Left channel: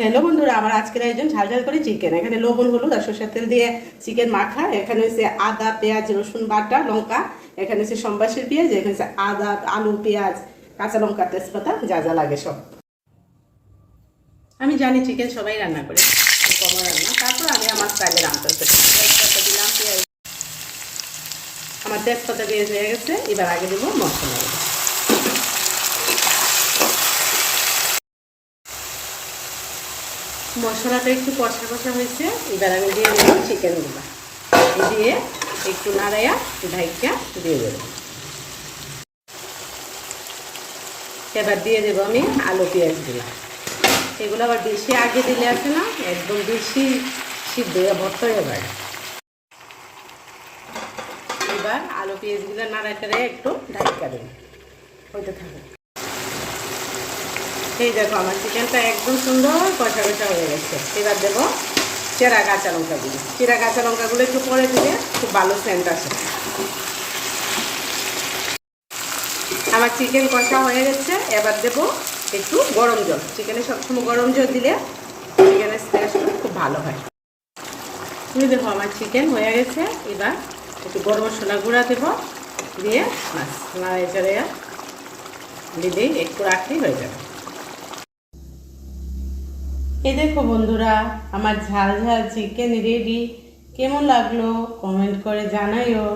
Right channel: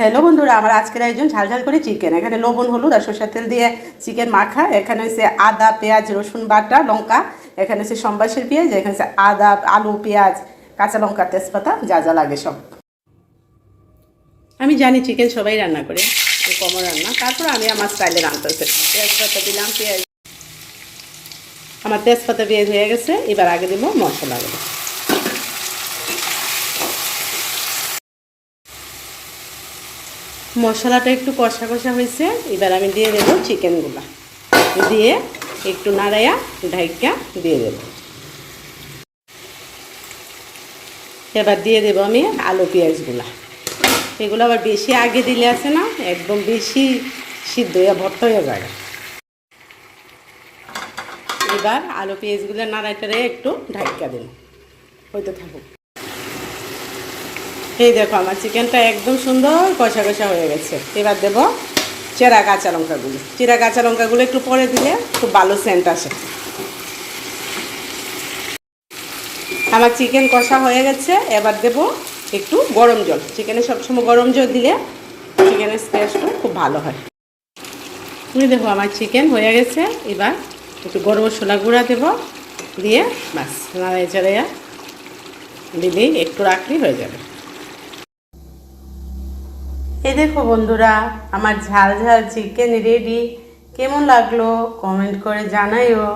Hello বন্ধুরা, আমার আজকের আয়োজন ঝাল ঝাল করে চিকেন। এখানে লবণ হলুদ আর সরষের তেল দিয়ে চিকেন মাখা। এখানে হচ্ছে আদা পেঁয়াজ রসুন বাটা লঙ্কা। এখানে হচ্ছে সম্বাসের পেঁয়াজ। এখানে হচ্ছে আদা আলু পেঁয়াজ কাঁচা লঙ্কা তেজপাতা যা যা লাগে সব। আমি জানি চিকেন সবাই রান্না করে, কম রান্না, তারপর আমি আমার স্টাইলে রান্না করতে তেজপাতা দিলাম, পেঁয়াজ, আমার তেজপাতা পেঁয়াজ হয়ে গেছে। এবার আগে দেবো মশলা। মশলাটা একটু কষা কষা হয়েছে, এবার আমি দিয়ে দেবো চিকেনগুলো, দিয়ে একটু নাড়াইয়া ঢাইকা দিয়ে দেব। এবার দিয়ে দেবো আমি আলু পেঁয়াজগুলো। এগুলো আবার বেশি আগে দিলে আছে না, একদম বেশি সিদ্ধ হয়ে ভর্তা হয়ে যাবে। এবার আলু পেঁয়াজগুলো নাড়াইটারে একটু ঢাইকা দেব, হইতে থাকুক। এই দেখো আমার চিকেনটা একদম সুন্দর কষা কষা হয়ে গেছে। এবার দেবো চেরা কাঁচা লঙ্কাগুলো। চেরা কাঁচা লঙ্কাগুলো একটু পরে দিলে খুব ভালো সেন্ট আসে। আমার চিকেন কষা হয়ে গেছে। এবার দেবো একটু গরম জল। চিকেনে সবসময় গরম জল দিলে চিকেনের টেস্টটা খুব ভালো হয়। তুমি দেখো আমার চিকেন হয়ে গেছে। এবার একটু গরম মশলা গুঁড়া দেবো, দিয়ে বাস নাড়াচাড়া দিলেই একটু রাখলেই হয়ে যাবে। এই দেখো বন্ধুরা, আমার ঝাল ঝাল চিকেন রেডি। কেমন লাগলো কমেন্ট করে জানাইও।